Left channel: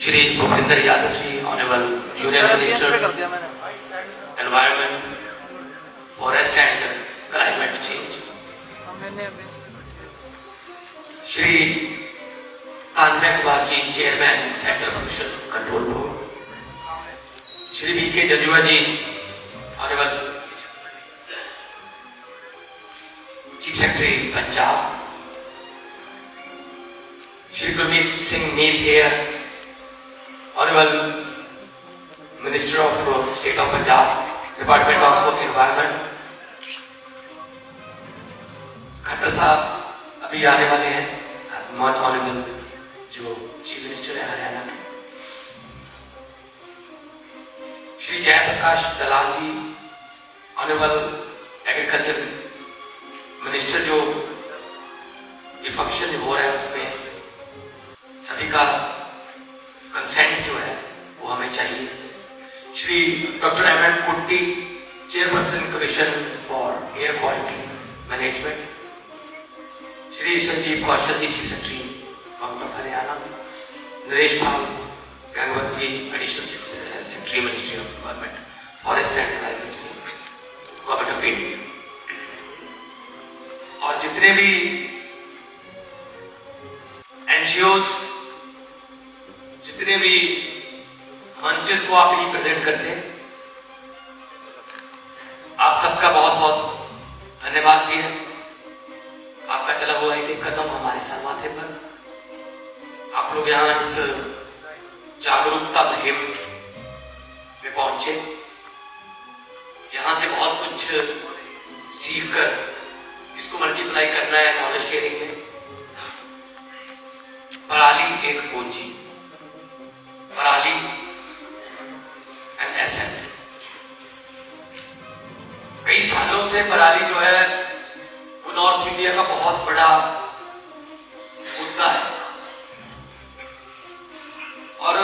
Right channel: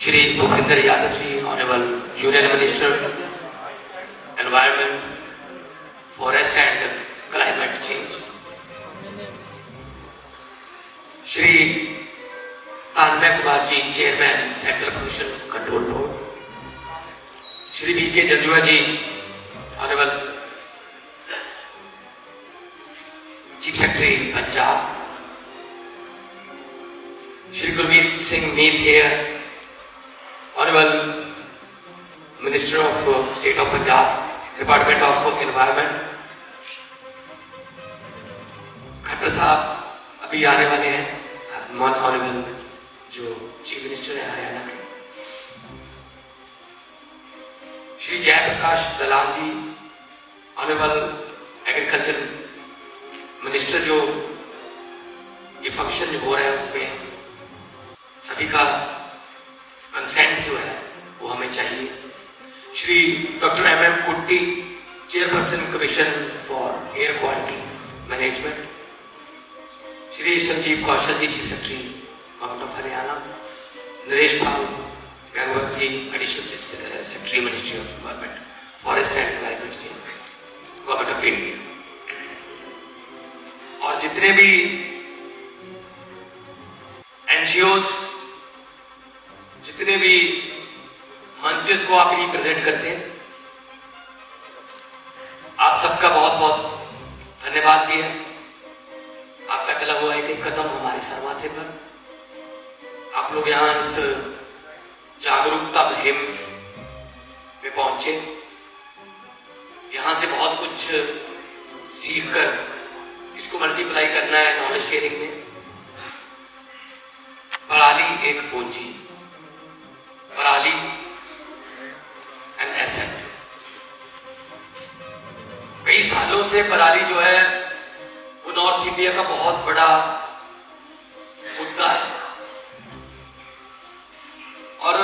Shri Bhupender Yadav ji, honourable junior minister environment, forest and climate change, Shri Tanmay Kumar ji, chairman central pollution control board, Shri BK Janjua ji, honourable chief secretary Punjab, Shri Gurmeet Singh Meet Hayer, honourable minister of state of Punjab, department of environment, Khattar Sahab अभी आने वाले हैं, नॉन honourable जो chief minister है हरियाणा के, Shri Jaiprakash Dalal ji, honourable agriculture minister, जो ये फंक्शन हो रहा है उसमें सभी का कंसेंट जो है वो हमें चाहिए। Shri doctor M Kutty, chairperson commission for air quality management, Shri Sanjeev Kaushal ji, chief secretary government of Haryana, Naresh Pal Gangwat ji, additional secretary ministry of environment, forest and climate change, government of India, और जितने भी एनजीओज, जितने भी मंचेस को आप रिप्रेजेंट करते हैं, आप सबका बहुत बहुत धन्यवाद भी है। आपका चला हुआ एक कदम हमारे सर माथे पर, आप लोग यहां इस जागरूकता मुहिम में पहुंचे, यहां से बहुत कुछ सीख कर इसको मल्टीप्लाई करना है नॉलेज शेयरिंग में। पराली एक पूंजी, पराली एन एसेट। कई सालों से पराली जो है वो नॉर्थ इंडिया का बहुत बड़ा मुद्दा है, और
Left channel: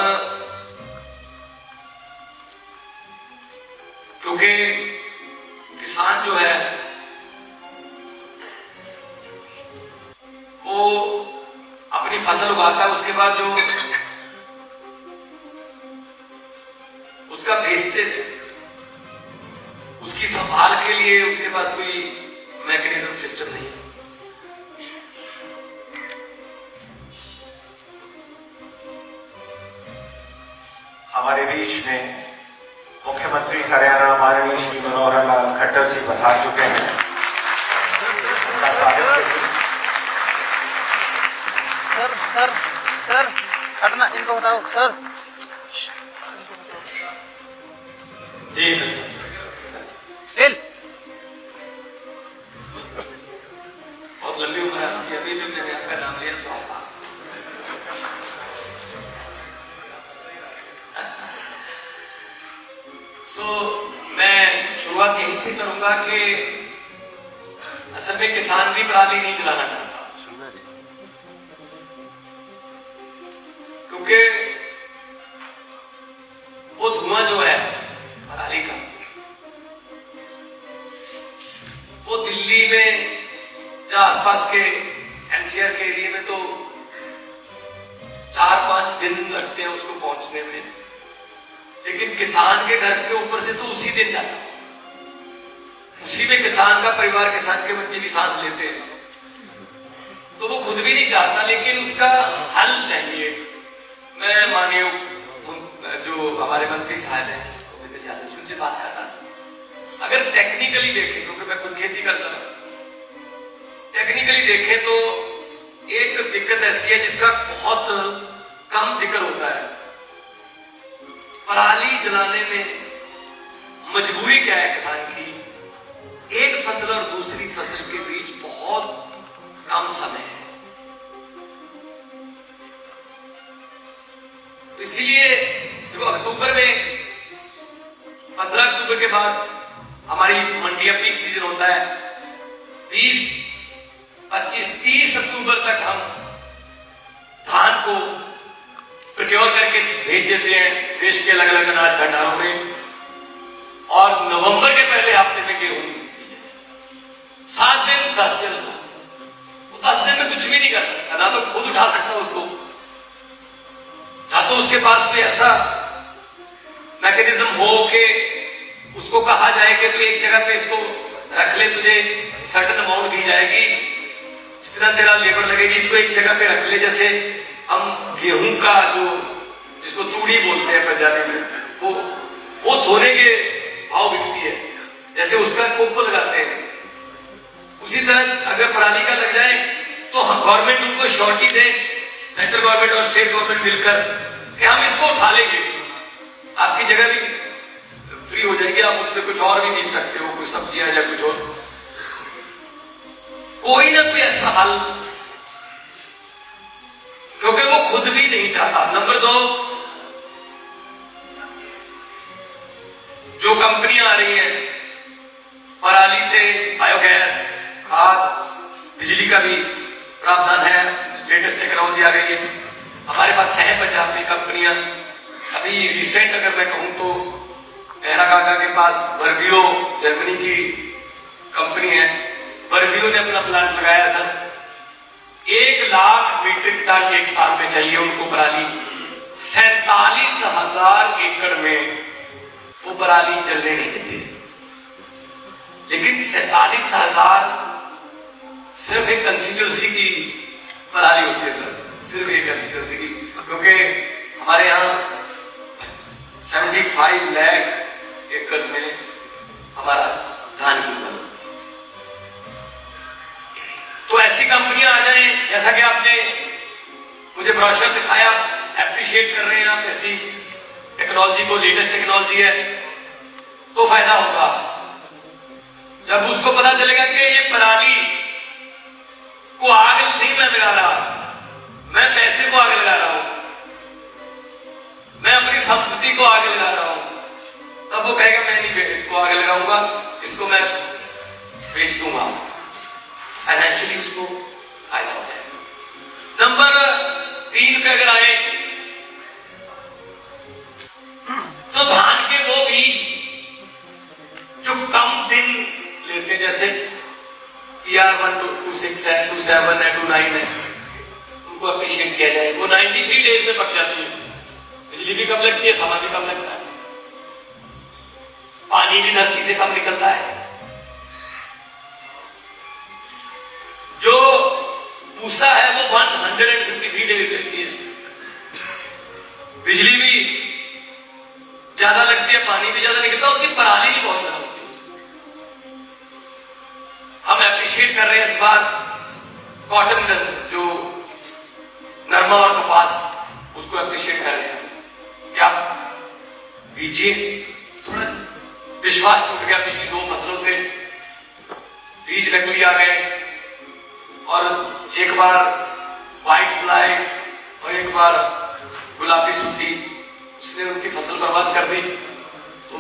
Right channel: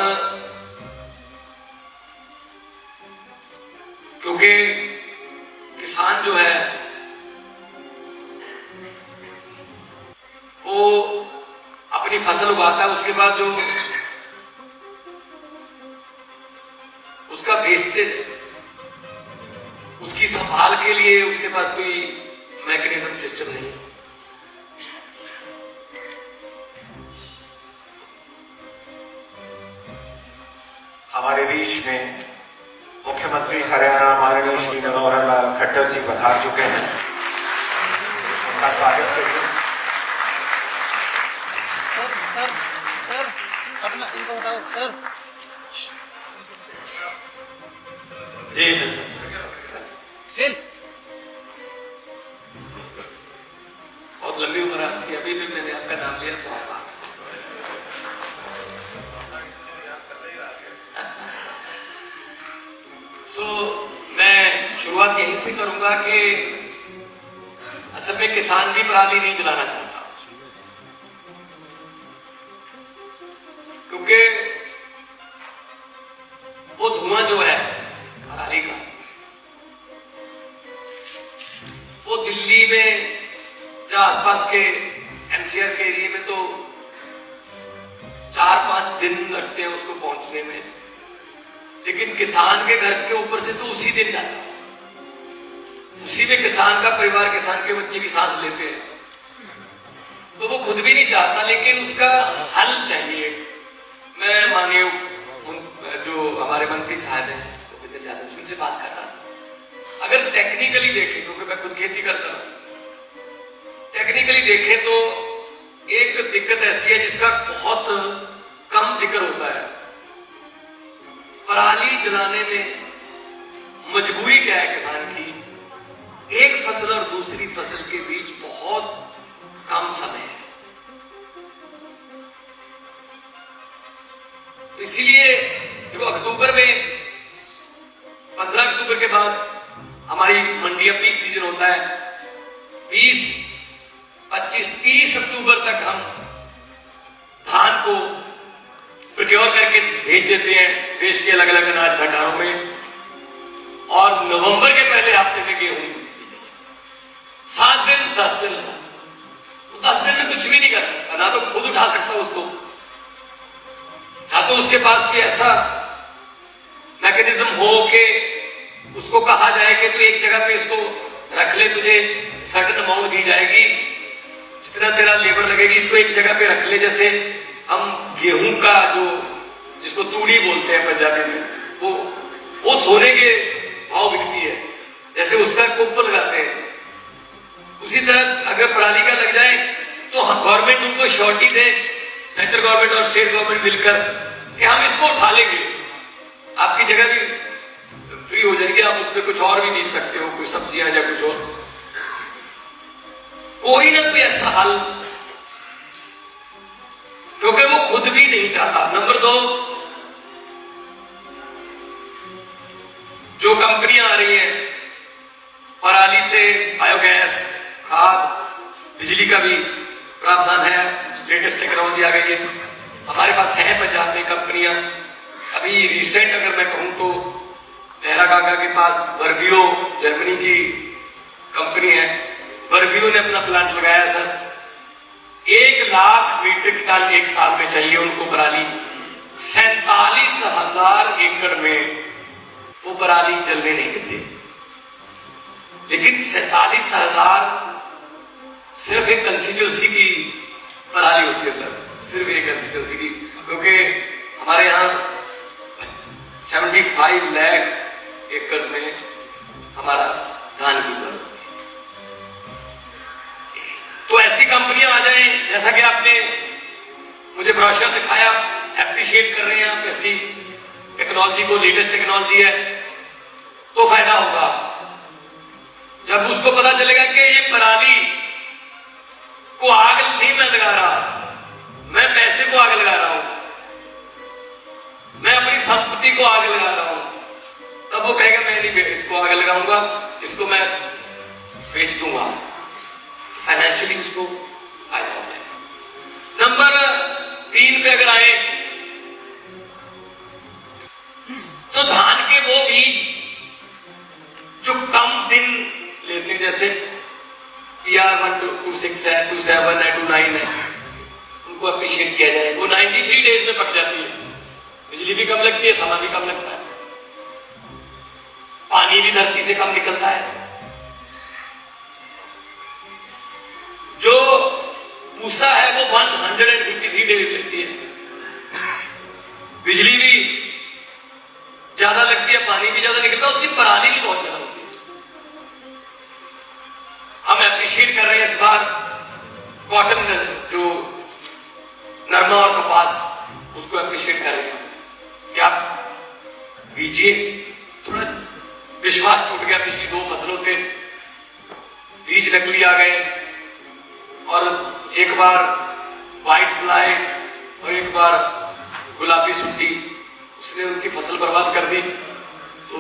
क्योंकि किसान जो है वो अपनी फसल उगाता है, उसके बाद जो उसका वेस्टेज, उसकी संभाल के लिए उसके पास कोई मैकेनिज्म सिस्टम नहीं है। हमारे बीच में मुख्यमंत्री हरियाणा माननीय श्री मनोहर लाल खट्टर जी पधार चुके हैं। उनका स्वागत करिए। सर सर हटना, इनको बताओ सर जी स्टिल। बहुत लंबी उम्र है आपकी, अभी भी मैंने आपका नाम लिया तो आपका मैं शुरुआत यहीं से करूंगा कि असल में किसान भी पराली नहीं जलाना चाहता, क्योंकि वो धुआं जो है पराली का, वो दिल्ली में या आसपास के एनसीआर के एरिया में तो 4-5 दिन लगते हैं उसको पहुंचने में, लेकिन किसान के घर के ऊपर से तो उसी दिन जाता है। उसी में किसान का परिवार, किसान के बच्चे भी सांस लेते हैं, तो वो खुद भी नहीं चाहता, लेकिन उसका हल चाहिए। मैं माननीय जो हमारे मंत्री साहब हैं भूपेंद्र यादव जी, उनसे बात कर रहा था। अगर टेक्निकली देखें, क्योंकि मैं खुद खेती करता हूं, टेक्निकली देखें तो एक दिक्कत ऐसी है जिसका बहुत कम जिक्र होता है। पराली जलाने में मजबूरी क्या है किसान की? एक फसल और दूसरी फसल के बीच बहुत कम समय है, तो इसीलिए देखो अक्टूबर में 15 अक्टूबर के बाद हमारी मंडियां पीक सीजन होता है। 20, 25, 30 अक्टूबर तक हम धान को प्रोक्योर करके भेज देते हैं देश के अलग अलग अनाज भंडारों में, और नवंबर के पहले हफ्ते में गेहूं 7 दिन 10 दिन, 10 दिन में कुछ भी नहीं कर सकता, ना तो खुद उठा सकता उसको, या तो उसके पास कोई ऐसा मैकेनिज्म हो कि उसको कहा जाए कि तू एक जगह पे इसको रख ले, तुझे सर्टेन अमाउंट दी जाएगी, इस तरह तेरा लेबर लगेगी, इसको एक जगह पे रख ले। जैसे हम गेहूं का जो जिसको तूड़ी बोलते हैं पंजाबी में, वो सोने के भाव बिकती है, जैसे उसका कुंप लगाते हैं, उसी तरह अगर पराली का लग जाए तो हम गवर्नमेंट उनको श्योरिटी दे, सेंट्रल गवर्नमेंट और स्टेट गवर्नमेंट मिलकर, कि हम इसको उठा लेंगे, आपकी जगह भी फ्री हो जाएगी, आप उसमें कुछ और भी बीज सकते हो, कोई सब्जियां या कुछ और, कोई ना कोई ऐसा हल, क्योंकि वो खुद भी नहीं चाहता। नंबर 2, जो कंपनियां आ रही हैं पराली से बायोगैस, खाद, बिजली का भी प्रावधान है, लेटेस्ट टेक्नोलॉजी आ गई है, हमारे पास है पंजाब में कंपनियां। अभी रिसेंट अगर मैं कहूं तो नेहरा काका के पास वर्बियो जर्मनी की कंपनी है, वर्बियो ने अपना प्लांट लगाया सर, 1 लाख मीट्रिक टन एक साल में चाहिए उनको पराली, 47,000 एकड़ में वो पराली जलने नहीं देते, लेकिन 47,000 सिर्फ एक कंस्टिट्यूंसी की पराली होती है सर, सिर्फ एक कंस्टिट्यूंसी की, क्योंकि हमारे यहाँ 75 लाख एकड़ में हमारा धान की कम। तो ऐसी कंपनियां आ जाएं, जैसा कि आपने मुझे ब्रोशर दिखाया, एप्रिशिएट कर रहे हैं आप ऐसी टेक्नोलॉजी को, लेटेस्ट टेक्नोलॉजी है, तो फायदा होगा। जब उसको पता चलेगा कि ये पराली को आग नहीं मैं लगा रहा, मैं पैसे को आग लगा रहा हूं, मैं अपनी संपत्ति को आग लगा रहा हूं, तब वो कहेगा मैं नहीं इसको आग लगाऊंगा, इसको मैं बेच दूंगा, फाइनेंशियली उसको फायदा होता है। नंबर 3 पे अगर आए तो धान के वो बीज जो कम दिन लेते हैं, जैसे PR-126 है, 27 है, 29 है, उनको अप्रिशिएट किया जाए। वो 93 डेज में पक जाती है, बिजली भी कम लगती है, समय भी कम लगता है, पानी भी धरती से कम निकलता है। जो पूसा है वो 153 डेज लगती है, बिजली भी ज्यादा लगती है, पानी भी ज्यादा निकलता है, उसकी पराली भी बहुत ज्यादा होती है। हम एप्रिशिएट कर रहे हैं इस बार कॉटन, जो नरमा और कपास, उसको एप्रिशिएट कर रहे हैं कि आप बीजिए। थोड़ा विश्वास टूट गया पिछली 2 फसलों से, बीज नकली आ गए, और एक बार व्हाइट फ्लाई और एक बार गुलाबी सुंडी, उसने उनकी फसल बर्बाद कर दी। तो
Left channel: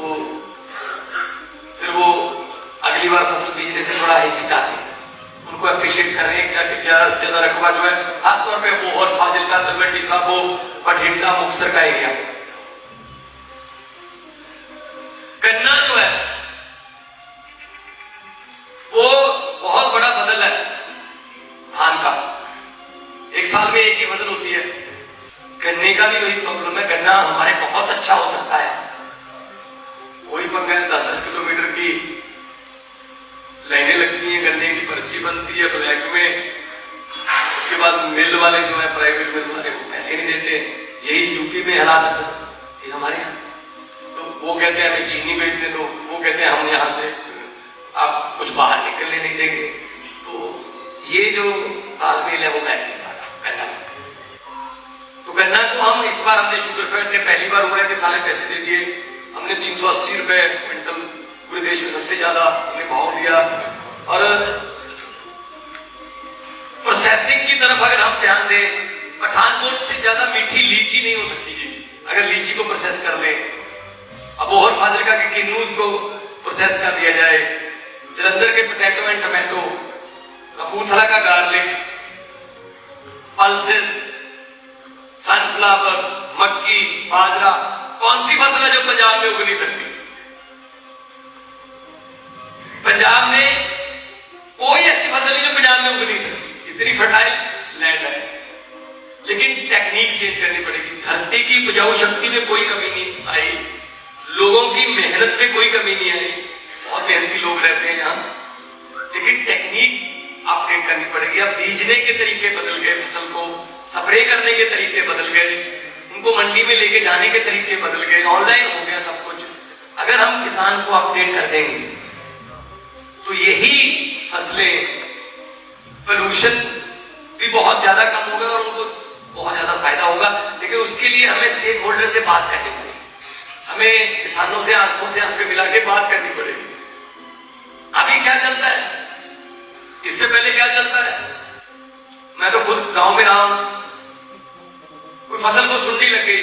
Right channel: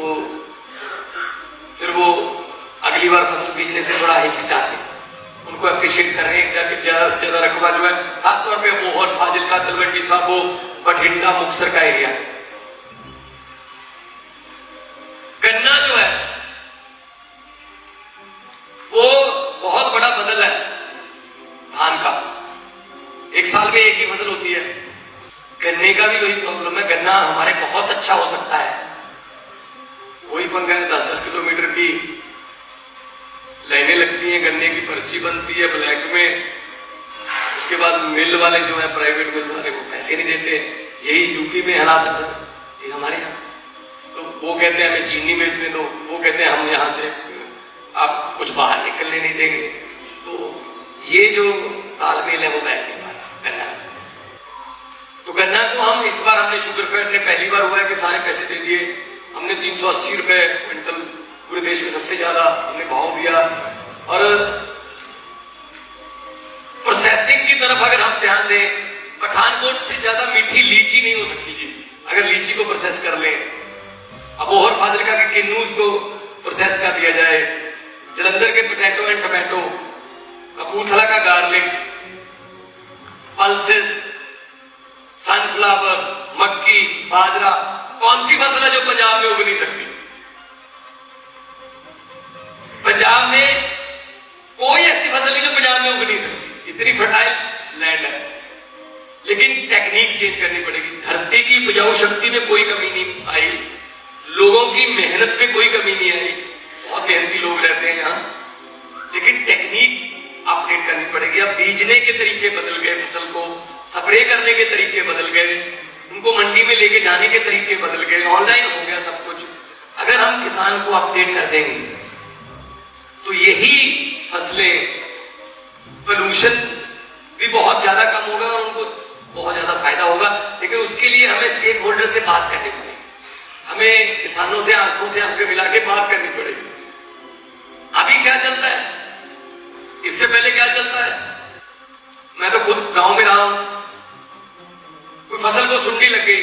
फिर वो अगली बार फसल बीजने से थोड़ा हिचकिचाते, उनको अप्रिशिएट कर रहे हैं। ज्यादा से ज्यादा रकबा जो है, खासतौर पे मोहर, फाजिलका, तलवंडी साबो, बठिंडा, मुक्तसर का एरिया। गन्ना जो है वो बहुत बड़ा बदल है धान का, एक साल में एक ही फसल होती है। गन्ने का भी वही प्रॉब्लम है, गन्ना हमारे बहुत अच्छा हो सकता है, वही पंगा है, 10-10 किलोमीटर की लाइनें लगती हैं, गन्ने की पर्ची बनती है ब्लैक में, उसके बाद मिल वाले जो है, प्राइवेट मिल वाले, वो पैसे नहीं देते। यही यूपी में हालात है सर, ये हमारे यहाँ। तो वो कहते हैं हमें चीनी बेचने दो, वो कहते हैं हम यहां से आप कुछ बाहर निकलने नहीं देंगे। तो ये जो तालमेल है वो बैठ नहीं पा रहा गन्ना। तो गन्ना को हम इस बार हमने शुगरफेड में पहली बार हुआ है कि सारे पैसे दे दिए, हमने 380 रुपए क्विंटल पूरे देश में सबसे ज्यादा हमने भाव दिया। और प्रोसेसिंग की तरफ अगर हम ध्यान दें, पठानकोट से ज्यादा मीठी लीची नहीं हो सकती है अगर लीची को प्रोसेस कर ले। अबोहर फाजिलका के किन्नूज को प्रोसेस कर दिया जाए, जलंधर के पोटैटो एंड टमाटो, कपूरथला का गार्लिक, पल्सेस, सनफ्लावर, मक्की, बाजरा, कौन सी फसल है जो पंजाब में उग नहीं सकती? पंजाब में कोई ऐसी फसल नहीं जो पंजाब में उग नहीं सकती, इतनी फर्टाइल लैंड है। लेकिन टेक्निक चेंज करनी पड़ेगी। धरती की उपजाऊ शक्ति में कोई कमी नहीं आई, लोगों की मेहनत में कोई कमी नहीं आई, बहुत मेहनती लोग रहते हैं यहाँ, लेकिन टेक्निक अपडेट करनी पड़ेगी। अब बीजने के तरीके बदल गए, फसल को स्प्रे करने के तरीके बदल गए, उनको मंडी में लेके जाने के तरीके बदल गए, ऑनलाइन हो गया सब कुछ। अगर हम किसान को अपडेट कर देंगे तो यही फसलें, पोल्यूशन भी बहुत ज्यादा कम होगा और उनको बहुत ज्यादा फायदा होगा। लेकिन उसके लिए हमें स्टेक होल्डर से बात करनी पड़ेगी, हमें किसानों से आंखों से आंखें मिला के बात करनी पड़ेगी। अभी क्या चलता है, इससे पहले क्या चलता है, मैं तो खुद गांव में रहा हूं, कोई फसल को सुंडी लग गई,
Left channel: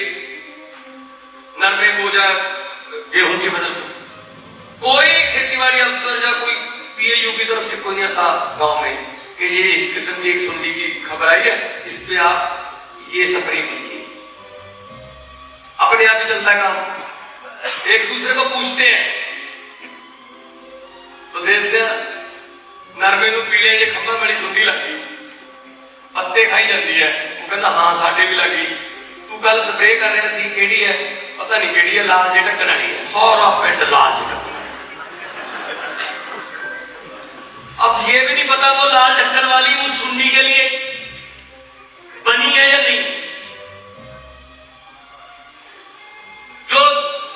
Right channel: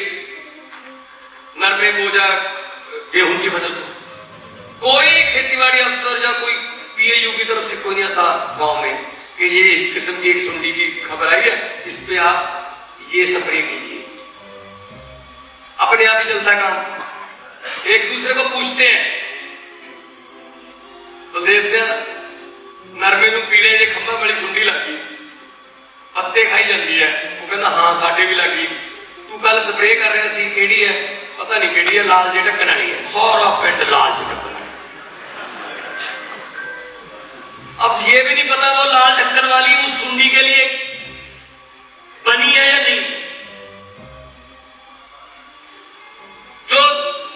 नरमे को या गेहूं की फसल को, कोई खेतीबाड़ी अफसर या कोई पीएयू की तरफ से कोई नहीं आता गांव में कि ये इस किस्म की एक सुंडी की खबर आई है, इस पे आप ये स्प्रे कीजिए। अपने आप ही चलता है काम, एक दूसरे को पूछते हैं तो देर से नरमे नू पीले ये खंबा बड़ी सुंडी लग गई, पत्ते खाई जाती है, वो कहना हाँ साढ़े भी लगी, तू कल स्प्रे कर रहा सी, केड़ी है पता नहीं, केड़ी है, लाल जे ढक्कन वाली है, सारा पिंड लाल जे ढक्कन। अब ये भी नहीं पता वो लाल ढक्कन वाली उस सुंडी के लिए बनी है या नहीं। जो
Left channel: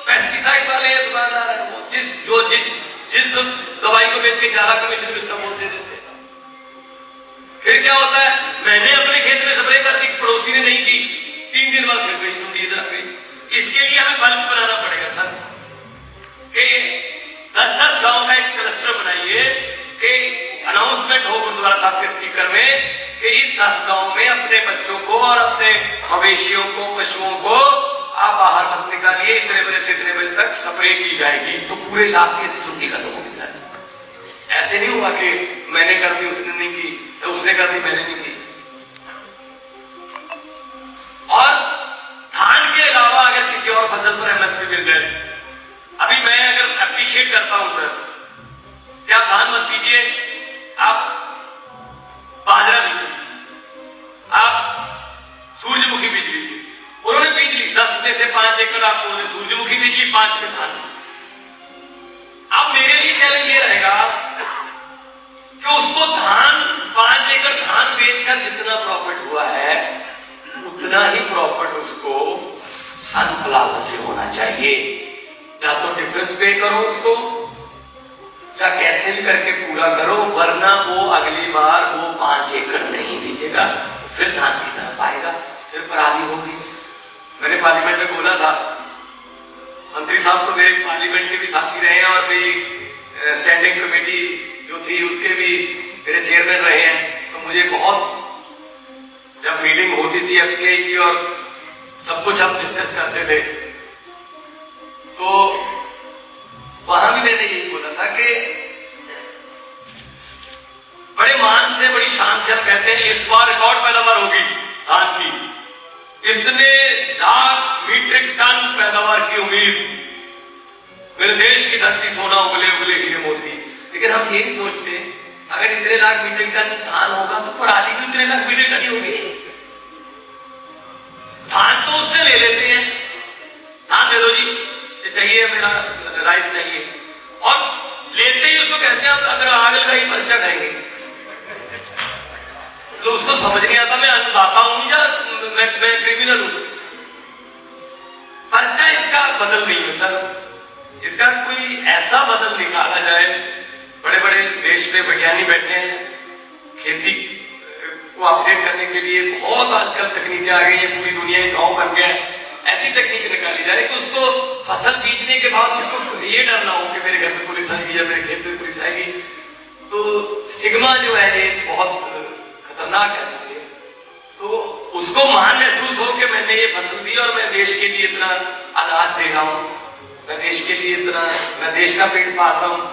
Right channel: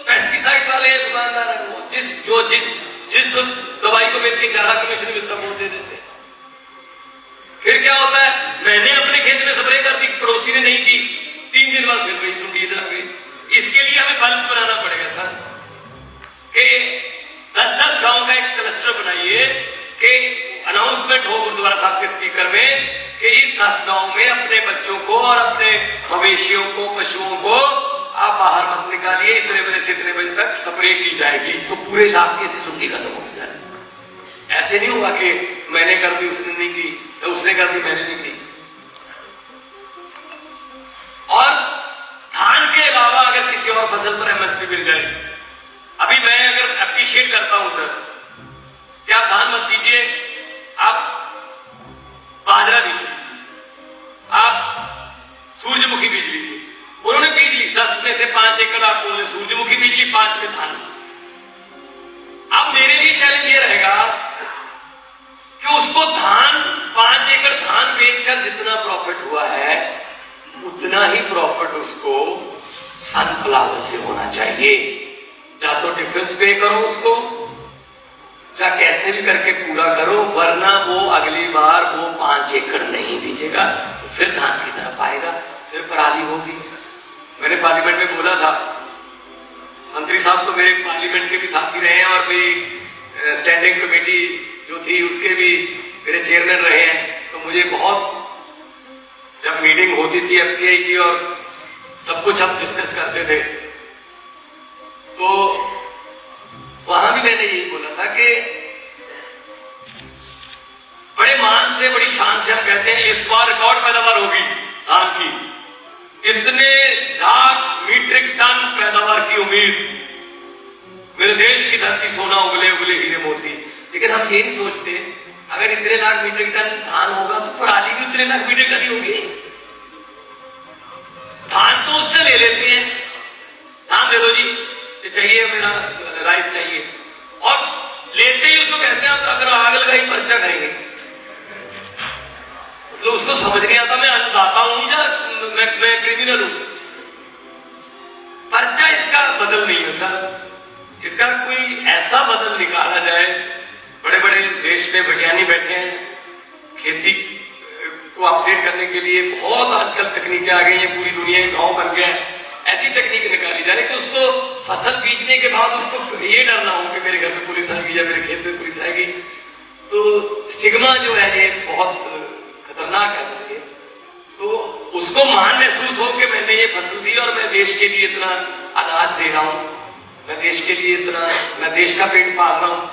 पेस्टिसाइड वाले दुकानदार है वो जिस दवाई को बेच के ज्यादा कमीशन मिलता बोलते देते। फिर क्या होता है, मैंने अपने खेत में स्प्रे कर दी, पड़ोसी ने नहीं की, 3 दिन बाद फिर गई सुंडी इधर आ गई। इसके लिए हमें बल्क बनाना पड़ेगा सर, कि 10-10 गांव का एक क्लस्टर बनाइए, कि अनाउंसमेंट हो गुरुद्वारा साहब के स्पीकर में कि 10 गांव में अपने बच्चों को और अपने मवेशियों को, पशुओं को आप बाहर मत निकालिए, इतने बजे से इतने बजे तक स्प्रे की जाएगी, तो पूरे इलाके से सुंडी खत्म होगी सर। ऐसे नहीं हुआ कि मैंने कर दी उसने नहीं की, तो उसने कर दी मैंने नहीं की। और धान के अलावा अगर किसी और फसल पर एमएसपी मिल जाए, अभी मैं अगर अप्रिशिएट करता हूं सर कि आप धान मत बीजिए, आप बाजरा बीज लीजिए, आप सूरजमुखी बीज लीजिए। उन्होंने बीज ली 10 में से 5 एकड़ आपको उन्होंने सूरजमुखी बीज ली, 5 में धान। अब मेरे लिए चैलेंज ये रहेगा कि उसको धान 5 एकड़ धान बेचकर जितना प्रॉफिट हुआ है उतना ही प्रॉफिट उसको सनफ्लावर से होना चाहिए। या तो डिफरेंस पे करो उसको, या कैसे भी करके पूरा करो, वरना वो अगली बार वो 5 एकड़ नहीं बीजेगा, फिर धान की तरफ आएगा, फिर पराली होगी। मैंने पार्लियामेंट में बोला था, मंत्री साहब तो मेरे पार्लियामेंट के भी साथी रहे हैं और मेरी स्टैंडिंग कमेटी जो थी उसके भी मेरे चेयरमैन रहे हैं, तो मुझे बहुत, जब मीटिंग होती थी एफसीआई की और सब कुछ हम डिस्कस करते थे, तो वहां भी मैंने यही बोला था कि बड़े मान से, बड़ी शान से हम कहते हैं इस बार रिकॉर्ड पैदावार होगी धान की, इतने लाख मीट्रिक टन पैदावार की उम्मीद, मेरे देश की धरती सोना उगले उगले हीरे मोती। लेकिन हम ये नहीं सोचते, अगर इतने लाख मीट्रिक टन धान होगा तो पराली भी उतने लाख मीट्रिक टन ही होगी। धान तो उससे ले लेते हैं, धान दे दो जी, ये चाहिए मेरा राइस चाहिए, और लेते ही उसको कहते हैं अगर आग लगाई पर्चा खाएंगे। मतलब उसको समझ नहीं आता मैं अन्नदाता हूं या मैं क्रिमिनल हूं। पर्चा इसका बदल नहीं है सर, इसका कोई ऐसा बदल निकाला जाए। बड़े बड़े देश में वैज्ञानिक बैठे हैं, खेती को अपडेट करने के लिए बहुत आजकल तकनीकें आ गई हैं, पूरी दुनिया में गांव बन गया है। ऐसी तकनीक निकाली जाए कि उसको फसल बीजने के बाद उसको ये डर ना हो कि मेरे घर में पुलिस आएगी या मेरे खेत में पुलिस आएगी। तो स्टिग्मा जो है ये बहुत खतरनाक है समझिए। तो उसको मान महसूस हो कि मैंने ये फसल दी और मैं देश के लिए इतना अनाज दे रहा हूं, मैं देश के लिए इतना, मैं देश का पेट पाल रहा हूं।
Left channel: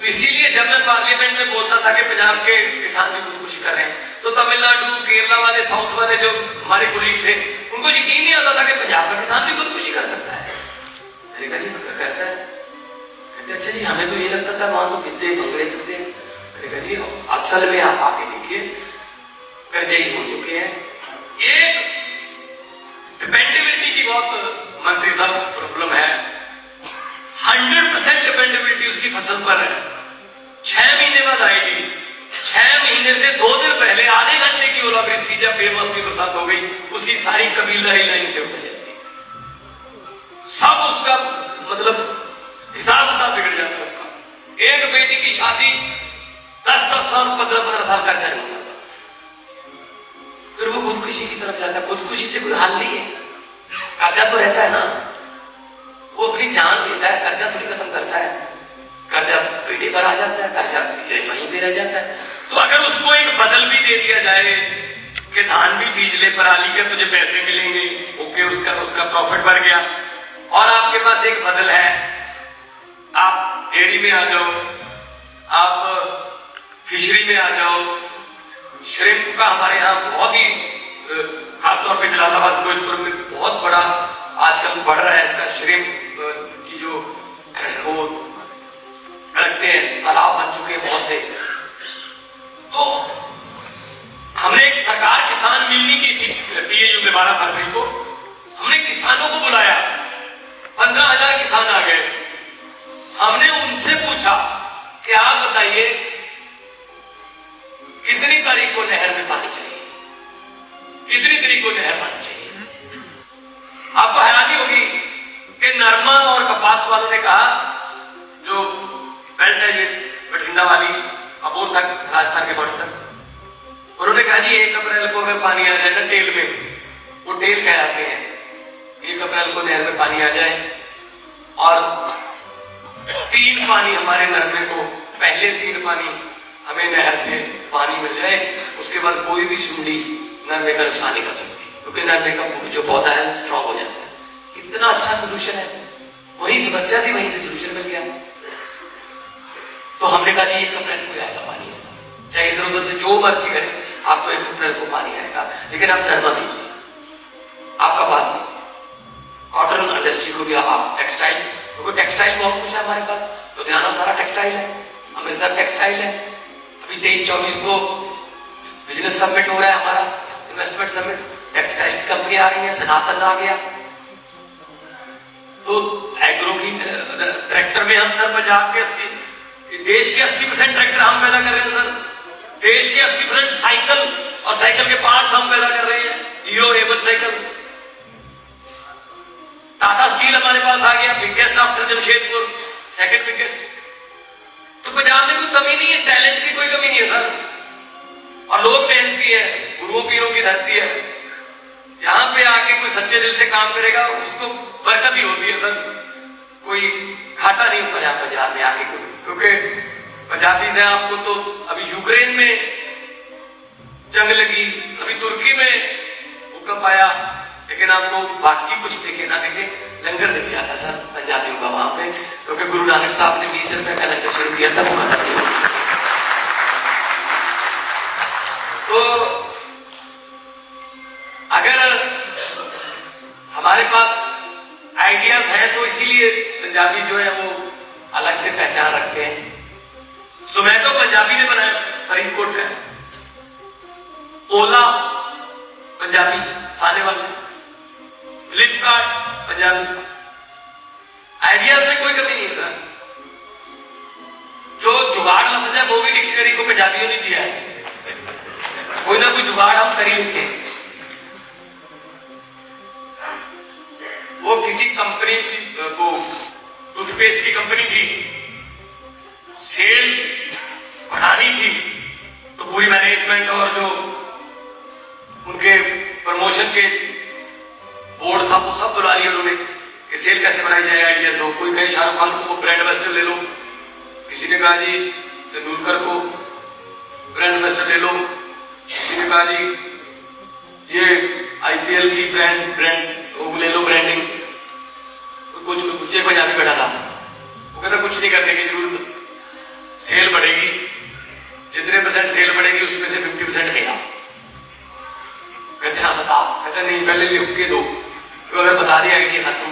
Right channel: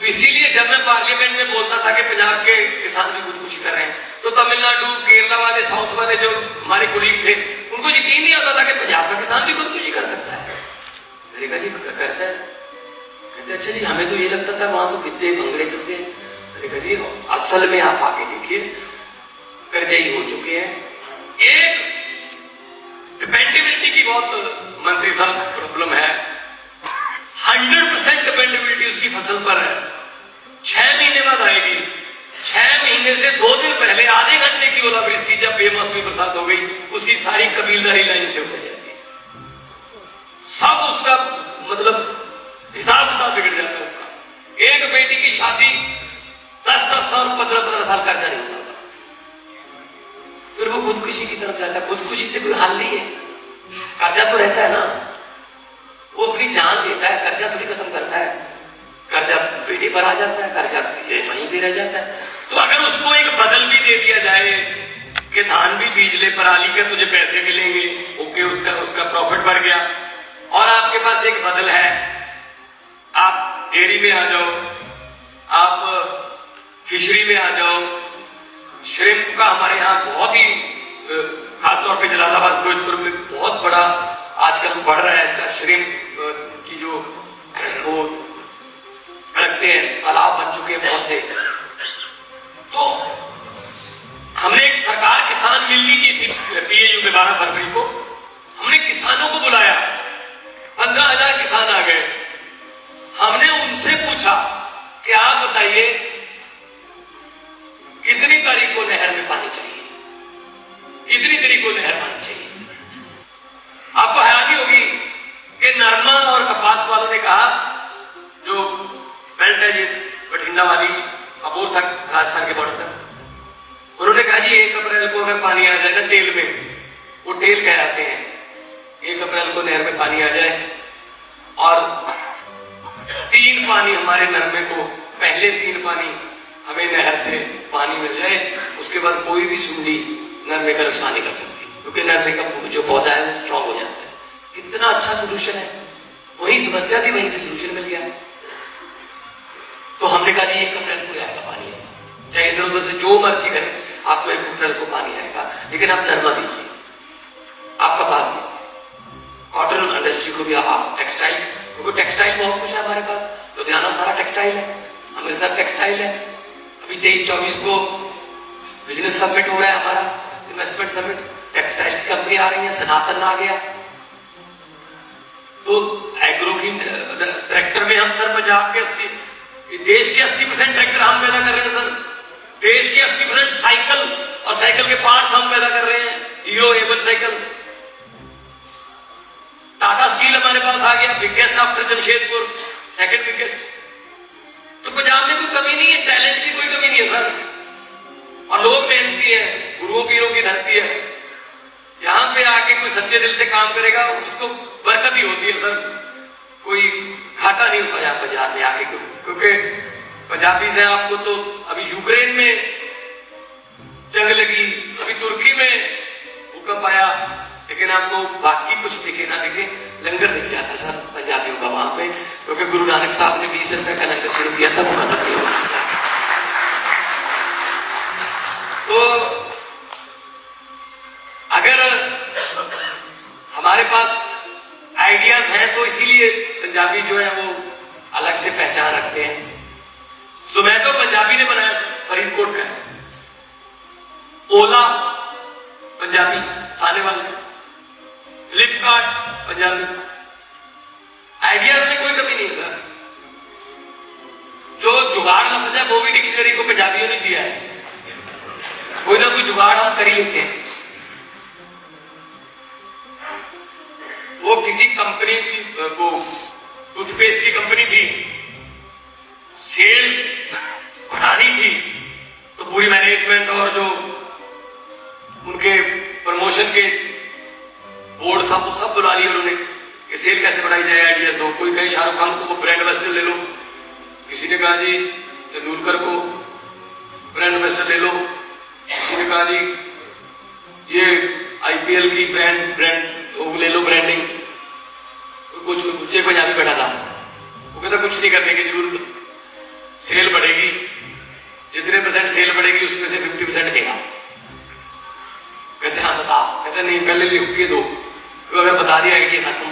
तो इसीलिए जब मैं पार्लियामेंट में बोलता था कि पंजाब के किसान भी खुदकुशी कर रहे हैं, तो तमिलनाडु, केरला वाले, साउथ वाले जो हमारे कुलीग थे, उनको यकीन नहीं आता था कि पंजाब का किसान भी खुदकुशी कर सकता है। मैंने कहा जी करता है। कहते अच्छा जी, हमें तो ये लगता था वहां तो कितने भंगड़े चलते हैं। मैंने कहा जी असल में आप आके देखिए, कर्जे ही हो चुके हैं, एक डिपेंडेबिलिटी की बहुत मंत्री साहब प्रॉब्लम है। 100% डिपेंडेबिलिटी उसकी फसल पर है। 6 महीने बाद आएगी। 6 महीने से 2 दिन पहले आधे घंटे की ओलावृष्टि जब बेमौसमी बरसात हो गई, उसकी सारी कबीलदारी लाइन से उतर जाती है। सब उसका मतलब हिसाब किताब बिगड़ जाता है उसका। एक बेटी की शादी 10-10 साल 15-15 साल कर्जा नहीं उठाता, फिर वो खुदकुशी की तरफ जाता है। खुदकुशी से कोई हल नहीं है। कर्जा तो रहता है ना, वो अपनी जान लेता है, कर्जा थोड़ी खत्म करता है। कर्जा पेटी पर आ जाता है, कर्जा वहीं पे रह जाता है। तो अगर उसको एक बदल भी दे दिया जाए कि धान भी बीज ले, पराली के तुझे पैसे मिलेंगे, ओके, उसका प्रॉफिट बढ़ गया। और आपके पास एक बदल है, आप डेयरी में आ जाओ, आप फिशरी में आ जाओ। श्रिम्प का हमारे यहाँ बहुत ही खासतौर पे जलालाबाद फिरोजपुर में बहुत बड़ा आजकल बढ़ रहा है इसका श्रिम्प की जो वो रखते हैं, तालाब बन चुके हैं बहुत से। तो हमने एक सरकार किसान मिलनी की थी PAU में 12 फरवरी को। हमने किसानों को बुलाया, 15,000 किसान आ गए। हमने उनसे पूछा कि आप बताइए कितनी तारीख को नहर में पानी चाहिए, कितनी तारीख को नहर पानी चाहिए। आपको हैरानी होगी कि नरमा और कपास वालों ने कहा, जो बेल्ट है ये बठिंडा वाली अबोर तक, राजस्थान के बॉर्डर तक, उन्होंने कहा जी 1 अप्रैल को अगर पानी आ जाए ना टेल में, वो टेल कहलाते हैं, 1 अप्रैल को नहर में पानी आ जाए और 3 पानी हमारे नरमे को, पहले 3 पानी हमें नहर से पानी मिल जाए, उसके बाद कोई भी सुंडी नरमे का नुकसान नहीं कर सकती, क्योंकि नरमे का जो पौधा है वो स्ट्रांग हो जाता है। कितना अच्छा सोल्यूशन है। वही समस्या थी, वहीं से सोल्यूशन मिल गया। तो हमने कहा जी 1 अप्रैल को आएगा पानी इसमें, चाहे इधर उधर से जो मर्जी करें, आपको 1 अप्रैल को पानी आएगा, लेकिन आप नरमा बीजिए, आप कपास बीजिए, कॉटन इंडस्ट्री को भी, टेक्सटाइल, क्योंकि टेक्सटाइल बहुत कुछ है हमारे पास। लुधियाना सारा टेक्सटाइल है, अमृतसर टेक्सटाइल है। अभी 23-24 को बिजनेस समिट हो रहा है हमारा, इन्वेस्टमेंट समिट, टेक्सटाइल की कंपनी आ रही है, सनातन आ गया। तो एग्रो की ट्रैक्टर में हम सर पंजाब के देश के 80% ट्रैक्टर हम पैदा कर रहे हैं सर। देश के 80% साइकिल और साइकिल के पार्ट्स हम पैदा कर रहे हैं, hero able cycle. Tata steel हमारे पास आ गया, biggest after Jamshedpur, second biggest. तो पंजाब में कोई कमी नहीं है, टैलेंट की कोई कमी नहीं है सर। और लोग मेहनती है, गुरुओं पीरों की धरती है। जहां पे आके कोई सच्चे दिल से काम करेगा उसको बरकत ही होती है सर, कोई घाटा नहीं होता यहाँ पंजाब में आके। क्योंकि पंजाबी से आपको तो अभी यूक्रेन में जंग लगी, अभी तुर्की में भूकंप आया, लेकिन आपको बाकी कुछ दिखे ना दिखे, लंगर दिख जाता सर पंजाबियों का वहां पे। क्योंकि गुरु नानक साहब ने 20 रुपए का लंगर शुरू किया था वो खाना। तो अगर हमारे पास आइडियाज हैं तो इसीलिए पंजाबी जो है वो अलग से पहचान रखते हैं। जोमैटो पंजाबी ने बनाया फरीदकोट का, ओला पंजाबी साने वाले, फ्लिपकार्ट पंजाबी। आइडियाज में कोई कमी नहीं है सर। जो जुगाड़ लफ्ज है वो भी डिक्शनरी को पंजाबियों ने दिया है, कोई ना कोई जुगाड़ हम कर ही लेते हैं। वो किसी कंपनी की, वो टूथपेस्ट की कंपनी थी, सेल बढ़ानी थी, तो पूरी मैनेजमेंट और जो उनके प्रमोशन के बोर्ड था वो सब बुला लिया उन्होंने कि सेल कैसे बढ़ाई जाए, आइडियाज दो। कोई कहे शाहरुख खान को ब्रांड एम्बेसडर ले लो, किसी ने कहा जी तेंदुलकर को ब्रांड एम्बेसडर ले लो, किसी ने कहा जी ये IPL की ब्रांड ले लो ब्रांडिंग। कुछ एक पंजाबी बैठा था, वो कहता कुछ नहीं करने की जरूरत, सेल बढ़ेगी, जितने % सेल बढ़ेगी उसमें से 50% मेरा। कहते हाँ बता, कहते नहीं पहले लिख के दो, तो अगर बता दिया आइडिया खत्म।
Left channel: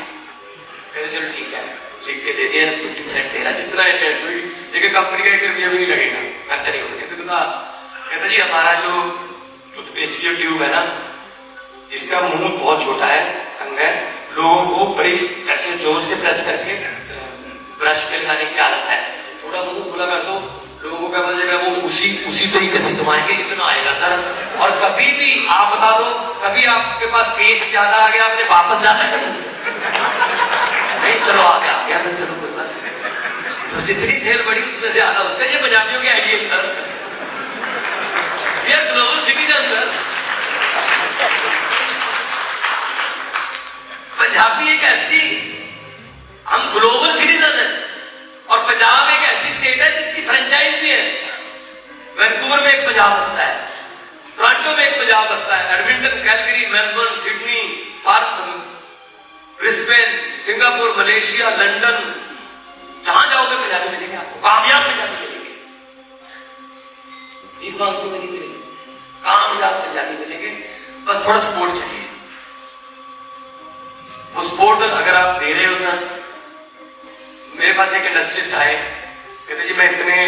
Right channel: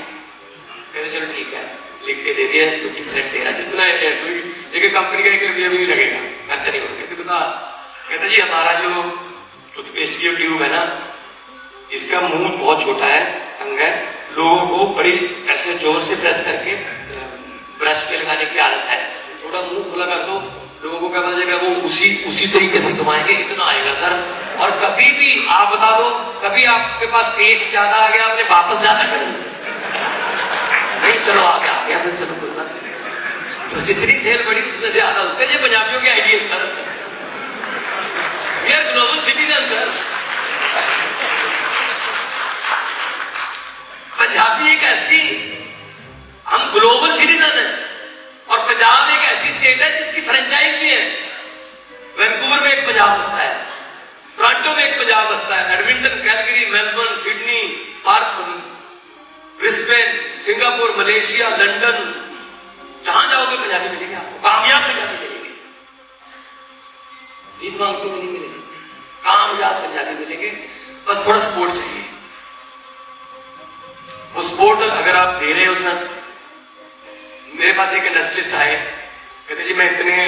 कहते चलो ठीक है, लिख के दे दिया, 50% तेरा, जितना है। लेकिन कंपनी का 1 रुपया भी नहीं लगेगा, खर्चा नहीं होगा। कहते बता, कहता जी हमारा जो टूथपेस्ट की ट्यूब है ना, इसका मुंह बहुत छोटा है, तंग है, लोगों को बड़ी ऐसे जोर से प्रेस करके ब्रश पे लगाने की आदत है। थोड़ा मुंह खुला कर दो, लोगों को क्या पता चलेगा, वो उसी तरीके से घुमाएंगे, इतना आएगा सर। और कभी भी आप बता दो, कभी आपके पास टेस्ट ज्यादा आ गया, आपने वापस जाना कभी नहीं, चलो आ गया फिर, चलो कोई बात नहीं। तो जितनी सेल बढ़ी उसमें से आधा उसका। ये पंजाबियों के idea sir, we are global citizen sir. Punjabi एक ऐसी, हम ग्लोबल सिटीजन हैं, और पंजाब एक ऐसी स्टेट है जिसकी फ्रेंचाइज भी है। वैंकूवर में एक पंजाब बसता है, टोरंटो में एक पंजाब बसता है, Edmonton, Calgary, Melbourne, Sydney, Perth, Brisbane, Singapore, Malaysia, London, जहां जाओगे पंजाबी मिलेंगे आपको, कामयाब पंजाबी मिलेंगे, भीख मांगते हुए नहीं मिलेंगे, कामयाब पंजाबी मिलेंगे। बस थोड़ा सपोर्ट चाहिए। वो सपोर्ट अगर आप दे रहे हो सर, मेरे पास एक इंडस्ट्रियलिस्ट आए, कहते जी मैं इतने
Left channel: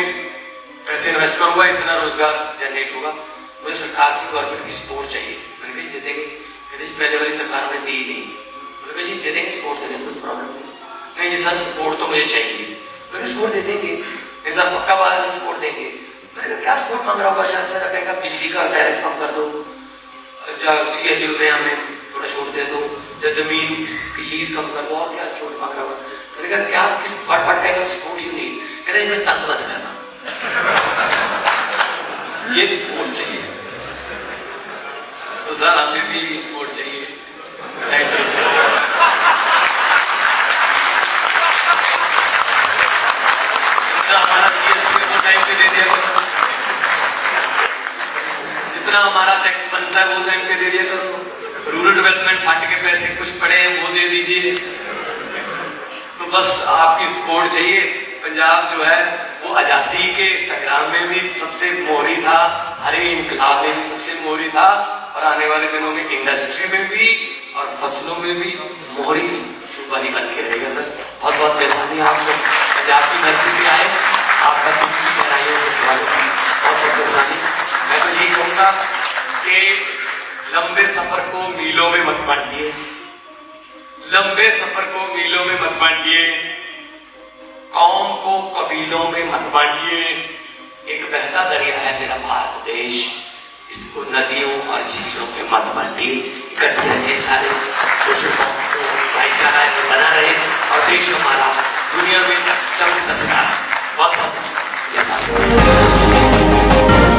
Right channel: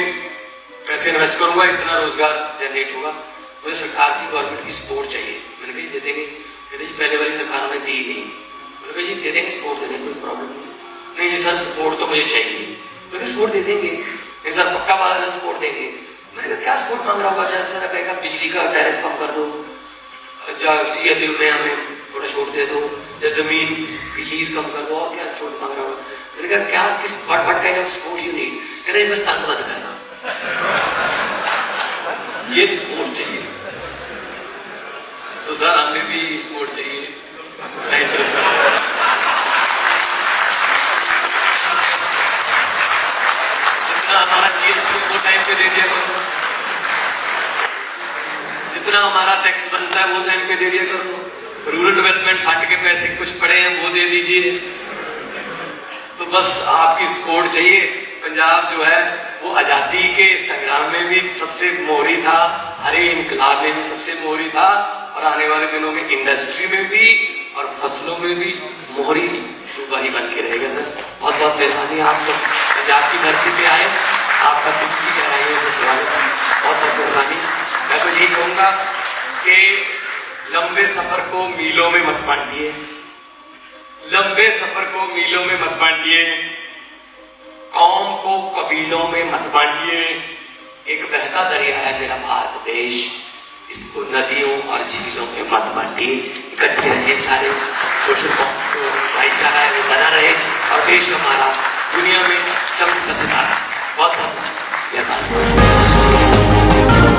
पैसे इन्वेस्ट करूंगा, इतना रोजगार जनरेट होगा, मुझे सरकार की, गवर्नमेंट की सपोर्ट चाहिए। मैंने कहा जी दे देंगे। कहते जी पहले वाली सरकार ने दी नहीं। मैंने कहा जी दे देंगे, सपोर्ट दे देंगे, कोई प्रॉब्लम नहीं जी सर, सपोर्ट तो मुझे चाहिए। मैंने सपोर्ट दे देंगे। नहीं सर पक्का बात है, सपोर्ट देंगे। मैंने कहा क्या सपोर्ट मांग रहा होगा? जैसे सर कहेगा बिजली का टैरिफ कम कर दो, CLU में हमें थोड़ा छूट दे दो, या जमीन की लीज कम कर दो, और क्या छूट मांग रहा होगा? मैंने कहा क्या, किस what kind of support you need? कह रहे बस तंग मत करना, ये सपोर्ट चाहिए। तो सर हमें भी सपोर्ट चाहिए। हमारा GST वो टाइम पे दे दिया करो, जितना हमारा टैक्स बनता है वो टाइम पे दे दिया करो, रूरल डेवलपमेंट फंड के पैसे कुछ पड़े हैं वो दे दीजिए। तो बस आपकी सपोर्ट चाहिए। पंजाब जो है वो आजादी के संग्राम में भी सबसे मोहरी था, हरे इंकलाब में भी सबसे मोहरी था, और आने वाले दिनों में इंडस्ट्री में भी और फसलों में भी मोहरी सूबा ही बन के रहेगा सर। बहुत बहुत मेहरबानी, आप लोग पंजाब की धरती पे आए, आपका दिल की गहराइयों से स्वागत है, बहुत बहुत मेहरबानी। मैं तो यही कहूंगा कि लंबे सफर को मीलों में मत बांटिए, लंबे सफर को मीलों में मत बांटिए, कौम को कबीलों में मत बांटिए। एक बहता दरिया है मेरा भारत देश, इसको नदियों और झीलों में मत बांटिए। इकट्ठे रहिए सारे कोशिशों को, भाईचारा बना रहे, और देश हमारा दुनिया में चमकता सितारा। बहुत बहुत धन्यवाद।